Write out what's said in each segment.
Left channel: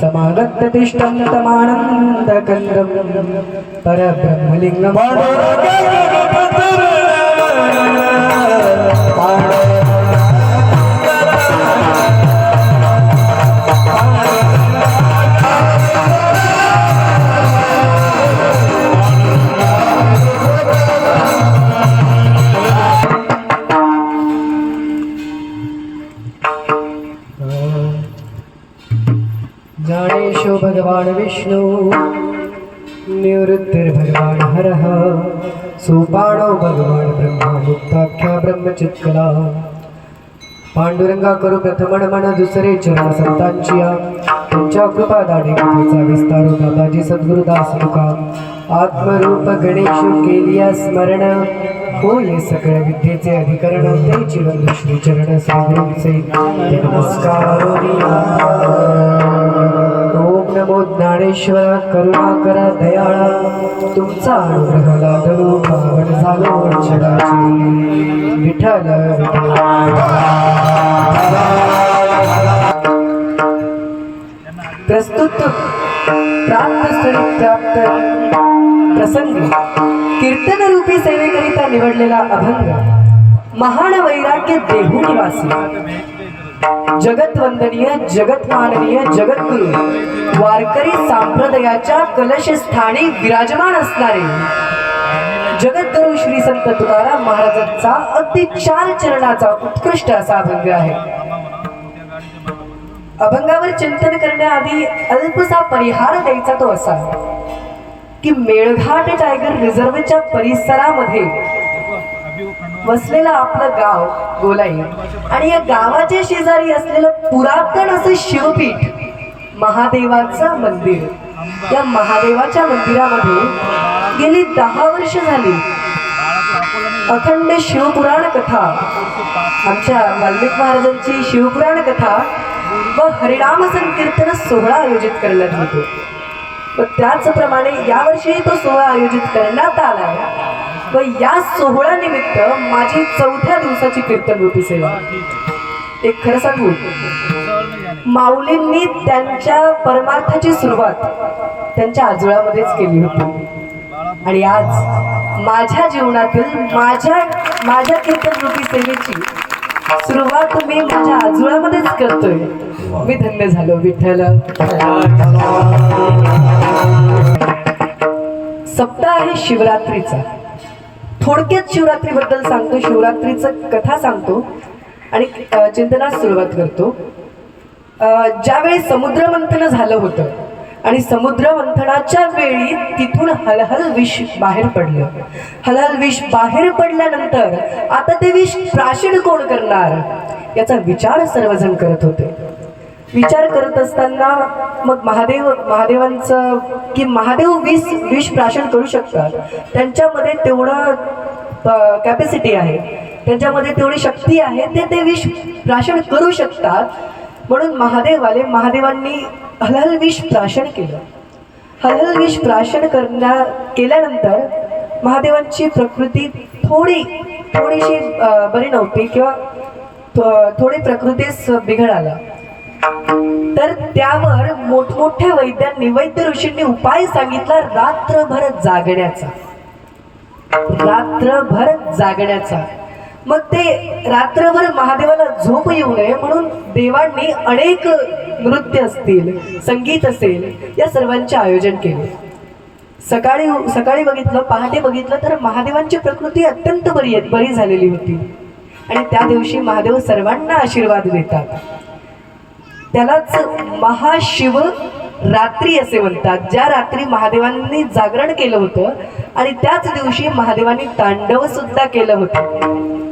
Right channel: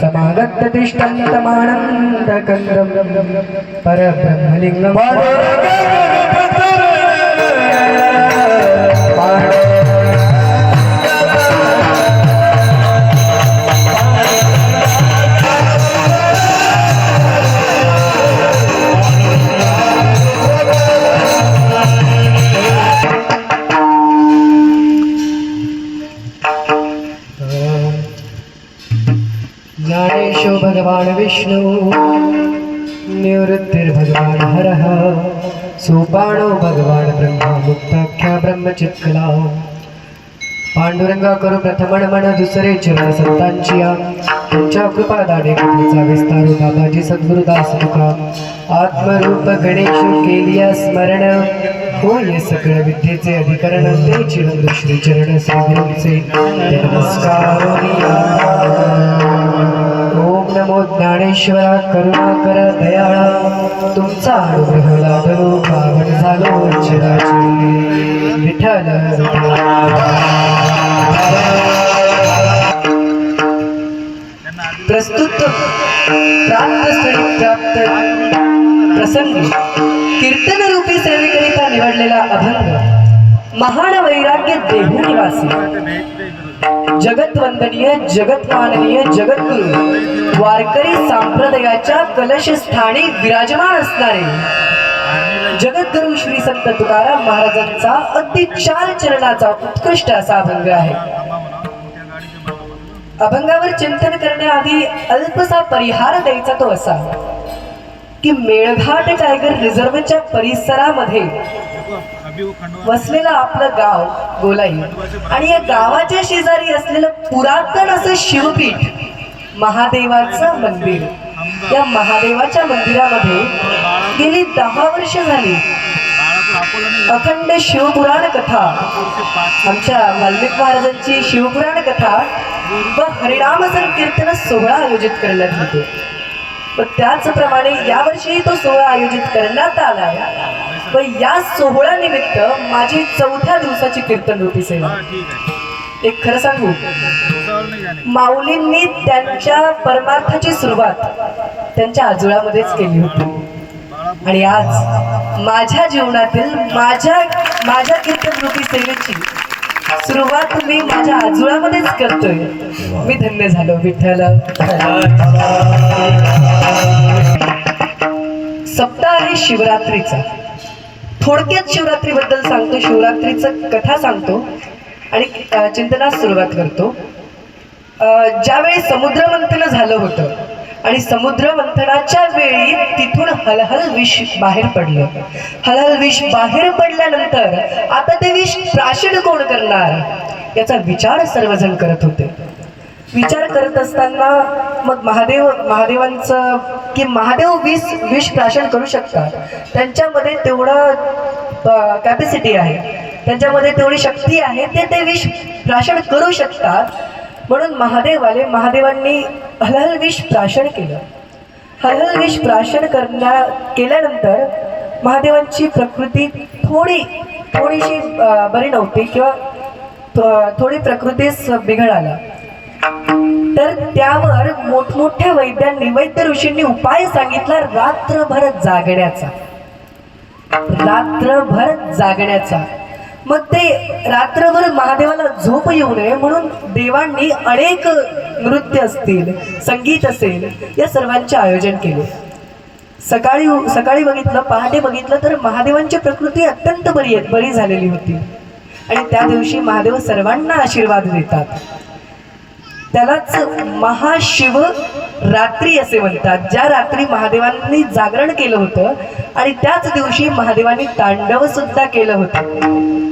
समागततिष्ठन्तमानन्दकन्दं परब्रह्मलिङ्गम् ज्ञानेशो भगवान ब्रह्मा मुक्ताख्या ब्रह्मचित्कला पांडुरंगा करू प्रथमण मन दुसरे चरण संतांची तुमच्या कृपा दाने कथेचा विस्तार बाबाजी सद्गुरुदास तुका. आत्मरूप गणेश केलिया स्मरण. होय सकळ विद्येचे अधिकरण ते चिरंद श्री चरण सागरूचे नमस्कार ज्ञानेश्वरा करुणा करा दयाळा तुमचा अनुग्रह लादलो पावन झालो चराची. विठ्ठल प्रस्तुत प्राप्त स्थळी प्राप्त प्रसंगी कीर्तन रूपी सेवेकरिता निवडलेला अभंग महान वैराग्य देहू निवासी. जगत वंदनीय जगत माननीय जगद्गुरु. वारकरी संप्रदायाच्या कलश स्थानी विराजमान असणारे. जगद्गुरु श्री संत तुकाराम महाराजांचा अति चार चरणाचा उत्कृष्ट असा अभंग आहे. अभंगावर चिंतन करण्याआधी अल्पसा परिहार द्यायचा तो असा की मेळघाट टायगर रिझर्वच्या परिसरामध्ये वसलेलं आपलं गाव गोलाई आणि या गावाच्या शेजारी असलेलं पुरातन असं शिवपीठ महादेवाचं मंदिर. या महादेवाच्या मंदिरामध्ये गेली दहा वर्ष झाली. अखंड शिवपुराण कथा आमच्या वाल्मिक महाराजांची शिवपुराण कथा व हरिनाम संकीर्तन सोहळा आयोजित करण्यात येतो. व त्याचप्रमाणे यावर्षी तो सोहळा आयोजित करण्यात आला व या सोहळ्यानिमित्त माझी चौथ्या दिवसाची कीर्तन होती सेवा. एक खरं सांगू माऊलींनी त्यांच्या परमार्थाची सुरुवात त्यांच्या आजोळामध्येच केली होती. आणि आज माझ्या जीवनातील माझ्या माझ्या कीर्तनकृती सेवेची सुरुवात मी माझ्या आजोळामध्येच करतोय. मी धन्य झालो विठ्ठल. सप्ताह आहे शिवरात्रीचा. थोडक्यात शिवरात्रीबद्दल सांगतो शिवरात्रीचं कथा सांगतो आणि चिंतनास सुरुवात करतो. ज्यावेळी समुद्र मंथन झालं होतं आणि समुद्र मंथनाच्या वेळी तिथून हलहल विष बाहेर पडलं. हलहल विष बाहेर पडल्यानंतर आता ते विष प्राशन कोण करणार? याचा विचार सर्वजण करत होते. विचार करत असताना मग महादेव महादेवांचं की महादेव विष विष प्राशन करू शकतात. त्यांच्यामध्ये तेवढं कॅपॅसिटी आहे. त्यांच्यामध्ये तेवढी शक्ती आहे ते ते विष प्राशन करू शकतात. म्हणून महादेव आले महादेवांनी हलहल विष प्राशन केलं. हलहल विष प्राशन करण्या केल्यानंतर महादेवांची प्रकृती थोडी थोडीशी बरी नव्हती किंवा थोडी प्रकृतीस बिघड आला तर त्यावर मोठमोठ्या वैद्यांनी वैद्य ऋषींनी उपाय सांगितला रात्रभर जागण्याचा. रात्रभर जागण्याचा. मग ते रात्रभर महादेवाला झोप येऊ नये म्हणून देवांनी अनेक नृत्य असतील संगीत असेल या सर्वांचे आयोजन केले. सकाळी सकाळी बघितलं पहाटे बघितलं तर महादेवांची प्रकृती अत्यंत बरी आहे बरी झालेली होती. आणि त्या दिवशी महादेव सर्वांना आशीर्वाद देतात. त्यालाच महाशिव रात्री असे म्हणतात ज्या रात्री महादेवांनी जागरण केलं होतं आणि त्याच दिवशी महादेवांनी तांडव सुद्धा केलं होतं.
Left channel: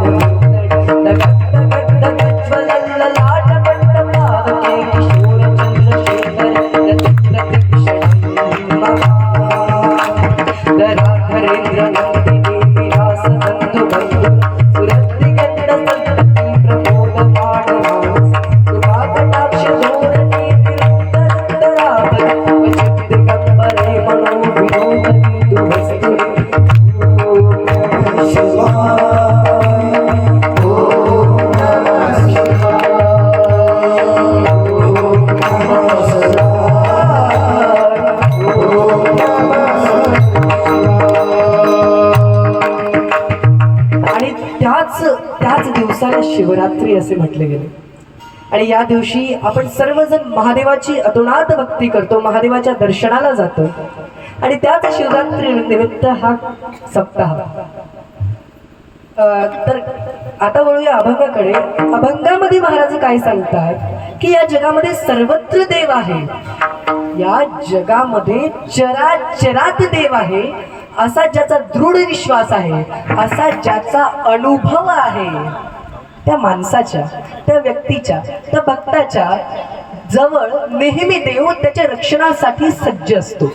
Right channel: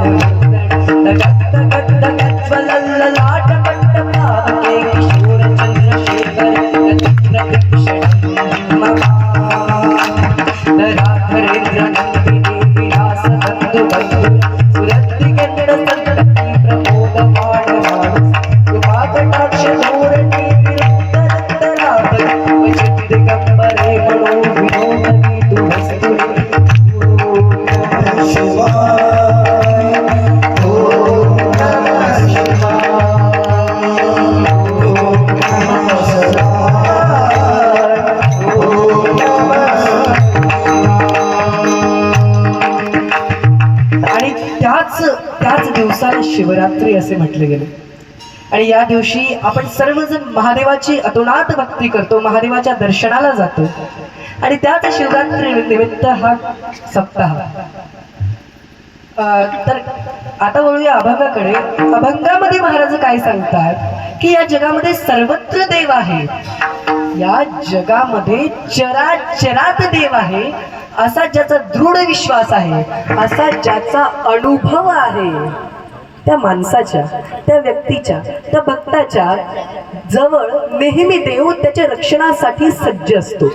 शिवरात्री असे म्हटले गेले. आणि या दिवशी आपण सर्वजण महादेवाची अतुनात भक्ती करतो महादेवाच्या दर्शनाला जातो. आणि त्यात शिवरात्री निमित्त हा सप्ताह. तर आता वळूया अभंगाकडे. अभंगामध्ये महाराज काय सांगतात? की या जगामध्ये सर्वत्र देव आहे. या जगामध्ये चराचरात देव आहे. असा ज्याचा दृढ विश्वास आहे असा ज्याचा अनुभव आहे. त्या माणसाच्या त्या व्यक्तीच्या त्या भक्ताच्या जवळ नेहमी देव त्याच्या रक्षणासाठी सज्ज असतो.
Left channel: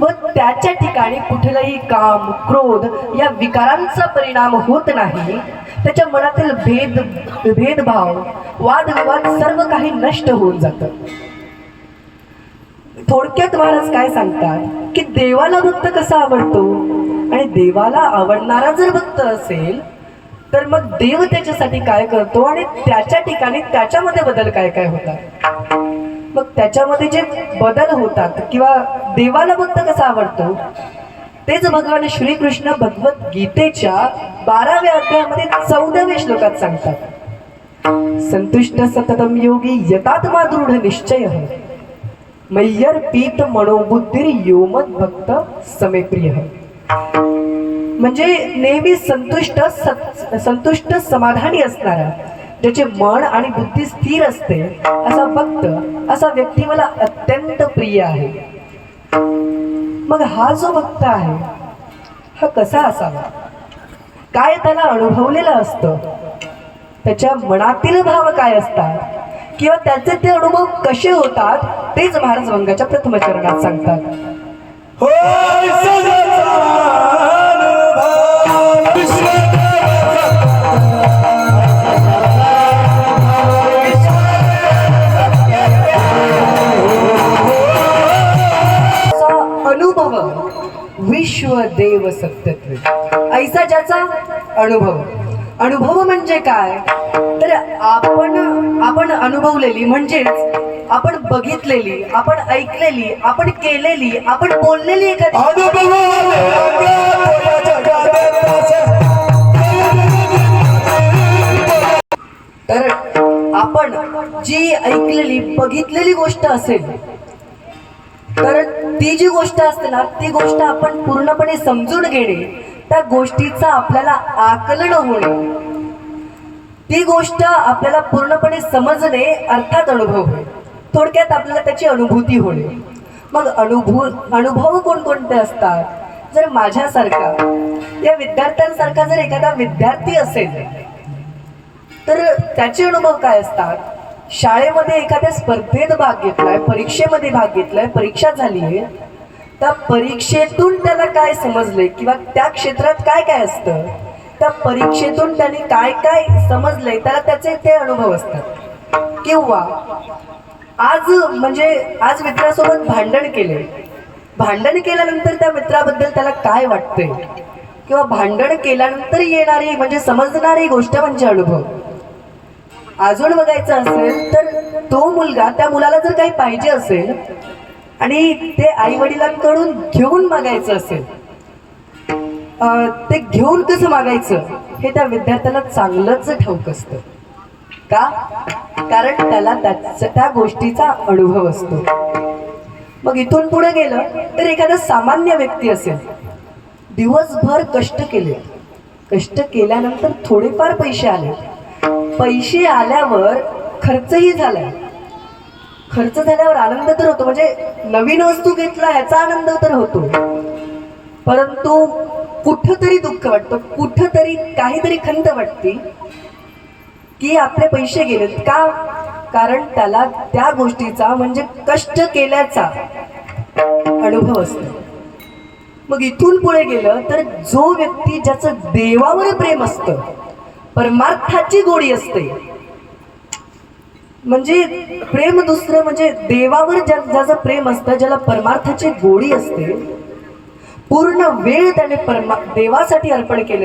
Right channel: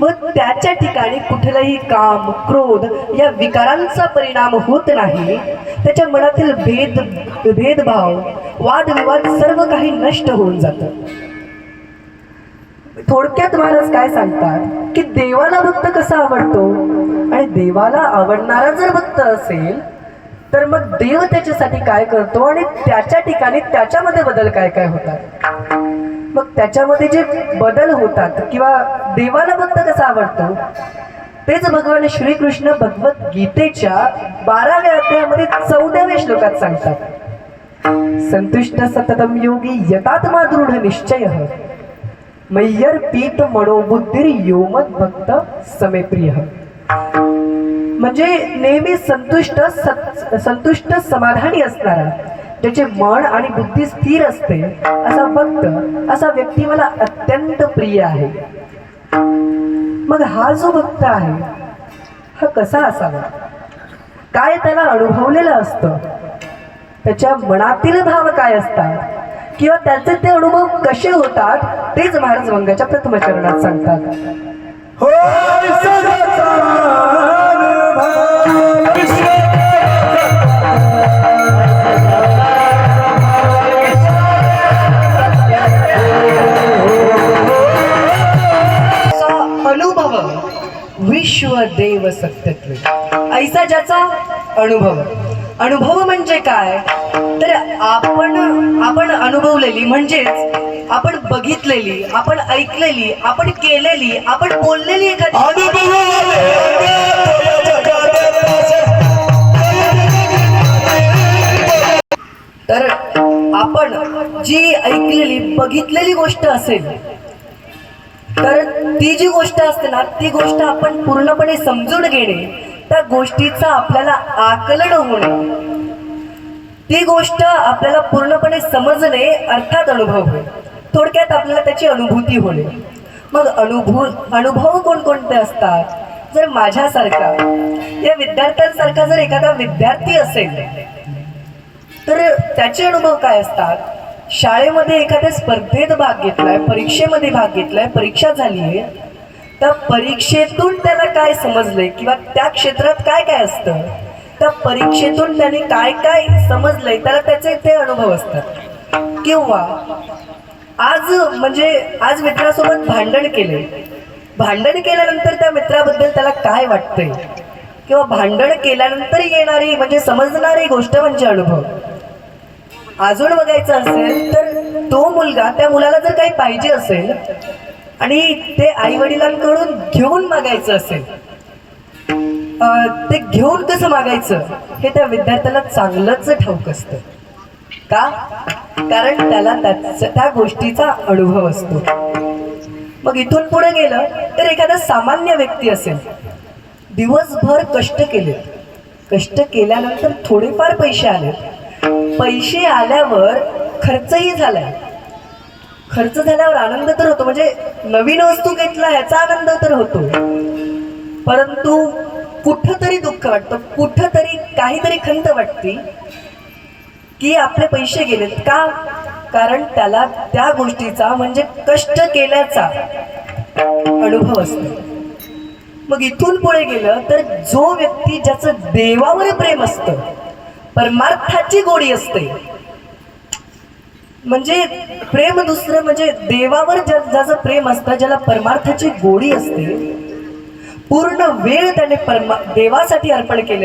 व त्याच्या ठिकाणी कुठलाही काम क्रोध या विकारांचा परिणाम होत नाही. त्याच्या मनातील भेद भेदभाव वादविवाद सर्व काही नष्ट होऊन जातं. थोडक्यात महाराज काय सांगतात? की देवाला भक्त कसा आवडतो? आणि देवाला आवडणारा जर भक्त असेल तर मग देव त्याच्यासाठी काय करतो आणि त्याच्या ठिकाणी त्याच्यामध्ये बदल काय काय होतात? मग त्याच्यामध्ये जे बदल होतात किंवा देवाला भक्त कसा आवडतो? तेच भगवान श्रीकृष्ण भगवत गीतेच्या बाराव्या अध्यायामध्ये चौदाव्या श्लोकात सांगतात. संतुष्ट सततम योगी यतात्मा दृढ निश्चय. मय्यर पीत मनोबुद्धिर योमत भक्त समेप्रिय म्हणजे नेहमी संतुष्ट संतुष्ट समाधानी असणारा ज्याचे मन आणि बुद्धी स्थिर असते असा भक्त असा व्यक्ती मला अत्यंत प्रिय आहे. मग हा जो भक्त आहे हा कसा असावा? काय त्याला अनुभवलेलं असतं? त्याच्या मनातील भाव काय असतात? किंवा त्याचे ते अनुभव कसे होतात? तेच महाराज वंगाच्या प्रथम चरणात सांगतात हो अनुभव. विश्व देव सत्यत्व ऐसा ज्याचा अनुभव. अनुभव म्हणजे काय? तर आपण आपण अनुभवलेली म्हणजेच आपण बघितलेली आपण ऐकलेली आपण केलेली आपण बोललेली एखादी. तर आपण जी ऐकलेली बघितलेली गोष्ट असेल तर ती जी गोष्ट असते ना ती गोष्ट आपण पूर्णपणे समजून घेणे त्या गोष्टीचा आपल्याला आकलन होणे ती गोष्ट आपल्याला पूर्णपणे समजणे अर्थात अनुभव होय. थोडक्यात आपल्याला त्याची अनुभूती होणे. मग अनुभव अनुभव कोणकोणते असतात? जर माझ्यासारखा या विद्यार्थ्यांसारखा जर एखादा विद्यार्थी असेल तर त्याचे अनुभव काय असतात? शाळेमध्ये एखाद्या स्पर्धेत भाग घेतलाय परीक्षेमध्ये भाग घेतलाय परीक्षा झाली आहे त्या परीक्षेतून त्याला काय समजलंय किंवा त्या क्षेत्रात काय काय असतं? त्या परीक्षेतून त्याने काय काय समजलंय त्याला त्याचे ते अनुभव असतात. किंवा आज म्हणजे आज मित्रासोबत भांडण केले भांडण केल्यानंतर त्या मित्राबद्दल त्याला काय वाटतंय? किंवा भांडण केल्यानंतर येणारी म्हणजे समजणारी गोष्ट म्हणजे अनुभव. अजून बघायचं असेल तर तो मुलगा त्या मुलाला जर काही पाहिजे असेल आणि ते आई वडिलांकडून घेऊन मागायचं असेल ते घेऊन कसं मागायचं हे त्या विद्यार्थ्याला चांगलंच ठाऊक असतं. का? कारण त्याला त्याच- त्या गोष्टीचा अनुभव असतो. मग इथून पुढे गेलं तर एखादा सामान्य व्यक्ती असेल दिवसभर कष्ट केले. कष्ट केल्यानंतर थोडेफार पैसे आले. पैसे आल्यावर खर्चही झालाय. खर्च झाल्यावर आनंद तर होतो. म्हणजे नवीन वस्तू घेतला याचा आनंद तर होतो. परंतु कुठंतरी दुःख वाटतं. कुठंतरी काहीतरी खंत वाटते की आपले पैसे गेलेत. का? कारण त्याला त्या गोष्टीचा म्हणजे कष्ट केल्याचा अनुभव असतो. मग इथून पुढे गेलं तर जो व्यक्ती ज्याचं देवावर प्रेम असतं परमार्थाची गोडी असते. म्हणजे प्रेम दुसरं म्हणजे देवावर ज्या ज्याचं प्रेम असतं ज्याला परमार्थाची गोडी असते पूर्ण वेळ त्याने परमा देवासाठी अर्पण केले